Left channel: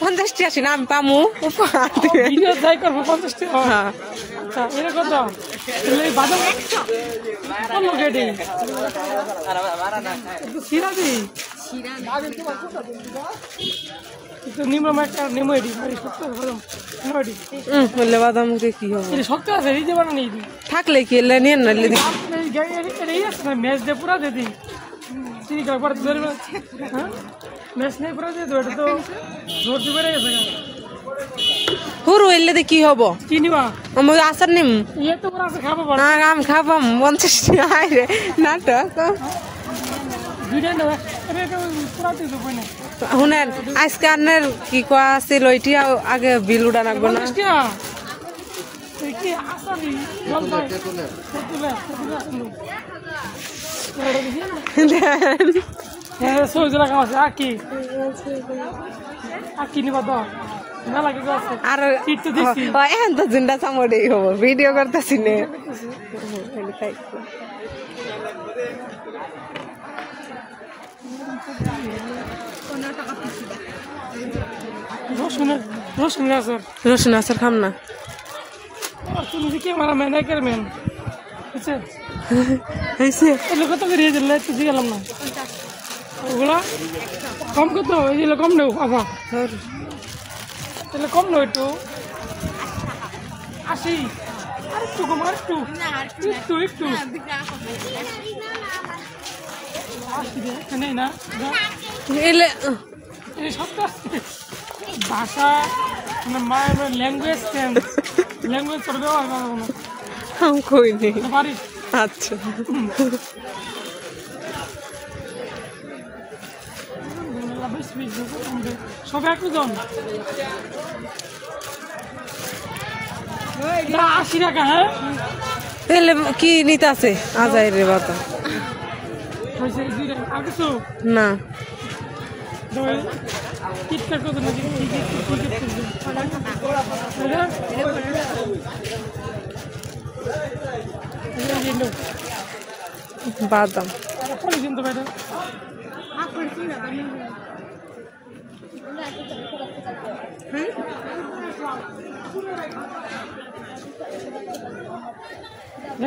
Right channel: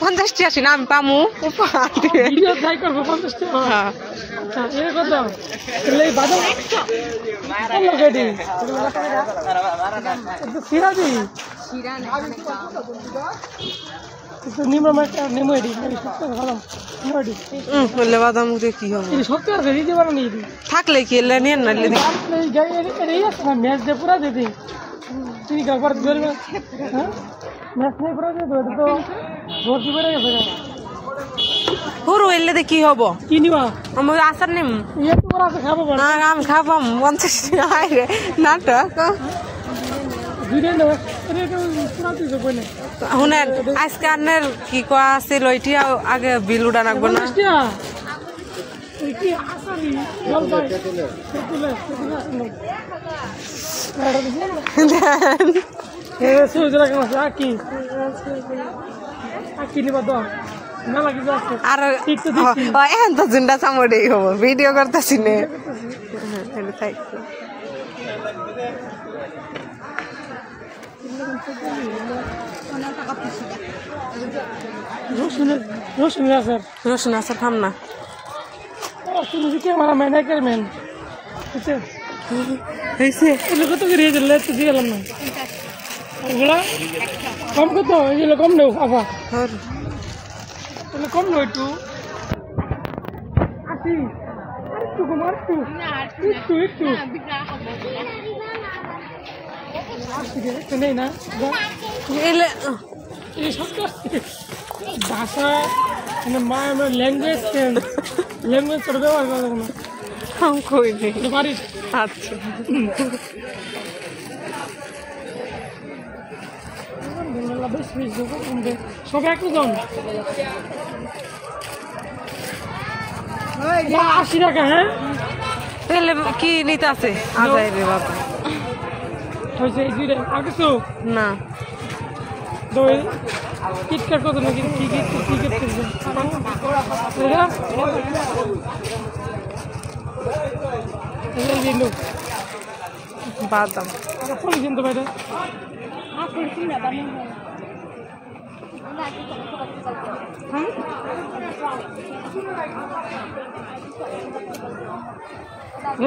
50 টাকা নাম পামু বাদাম কি হবে থাকলে কি নিয়ে পুরা দিদি ঠিক একবার ম্যাচ নেই পুরা দিয়ে তো ভর্তি বেড়ে গেছে পুরো এলে কি হব কি নিবা আমার আসার নিম ইয়ে তো আছে খাবো আমি খাবো 50 টাকা না তো ভিডিও না পুরা দিতে বই না হুনার আজকে আনের কি কোয়া আছে লইটি আগে বিল উড়া রাখবো না কি আসানি জল ভাই সুইজ রাখা আছে আকি নিবা তো মালা কি আছে আর টিকতে দিছি এখন তো জিন্ডা সামড়েই হবো ভিডিও করতেছি নে রসুন আচার খাম না তুমি ক্যামেরা ম্যান একার ম্যান হয়েছে কত করে দিলে তো গেলাম না ওগুলা কম কত এগুলো কম নেও আবার তাহলে কম নেই একটু 80 একটু কম একটু নেই না এলে ভাষা ল্যাঙ্গুয়েজ তোর ব্যবহার করবো না পারিস আচ্ছা সব একটু কম 80 টাকা হ্যাঁ তাহলে কি নিতে আছে আজাই রে বাবা হয়েছে কিছু না টিকটক কত নাকি বাদাম কিন্তু ভাই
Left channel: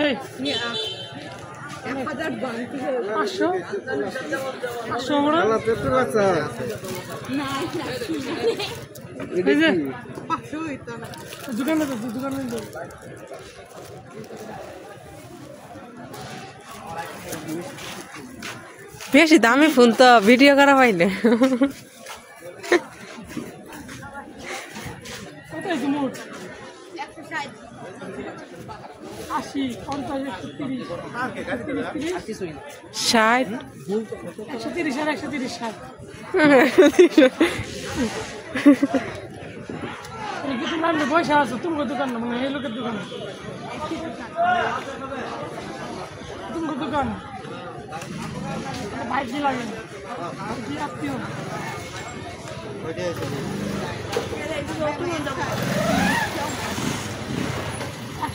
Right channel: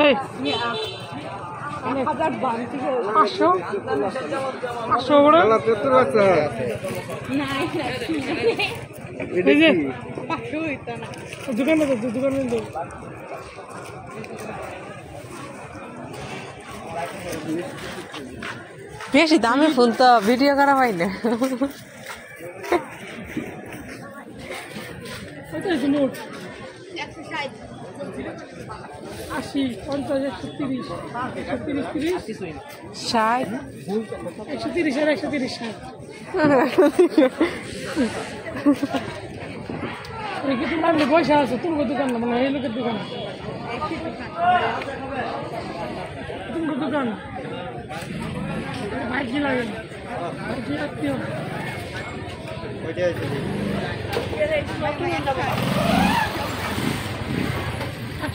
এই 1000 দাম 500 ওরা দেখতে পাচ্ছে দোকান বেশি দামি ফোন তো ভিডিও করা পাই না 80 50 130 60 130 আর 130 60 তুমি পয়সা আছে তোমার দোকান না মানে এই লোকের দোকান তোমার দোকান ভাই কি লাগে কি আত্মীয়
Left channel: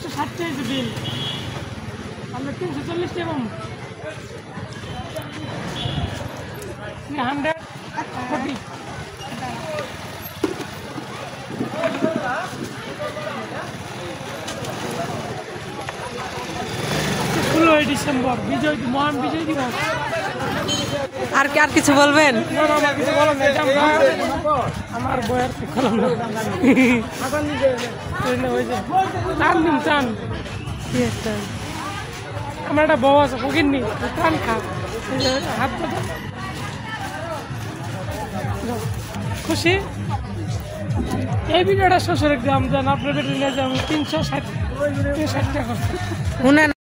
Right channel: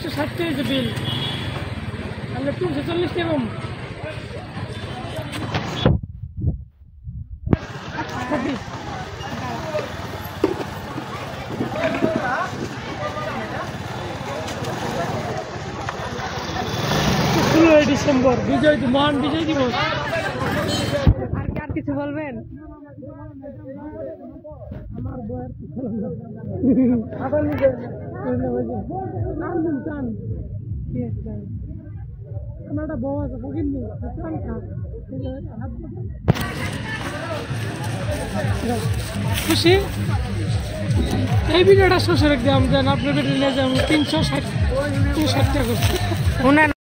160 টাকা বিল আমরা 340 টাকা ডিসেম্বর বিজয় মহান বিজয় দিবস আর কিছু বলবেন আমার বয়ার চান আমার একটা বউ আছে ফকিরনি চান খা খুশি এই ভিডিওটা শ্বশুরের দাম দেন আপনাদের নিয়ে যান 360 টাকা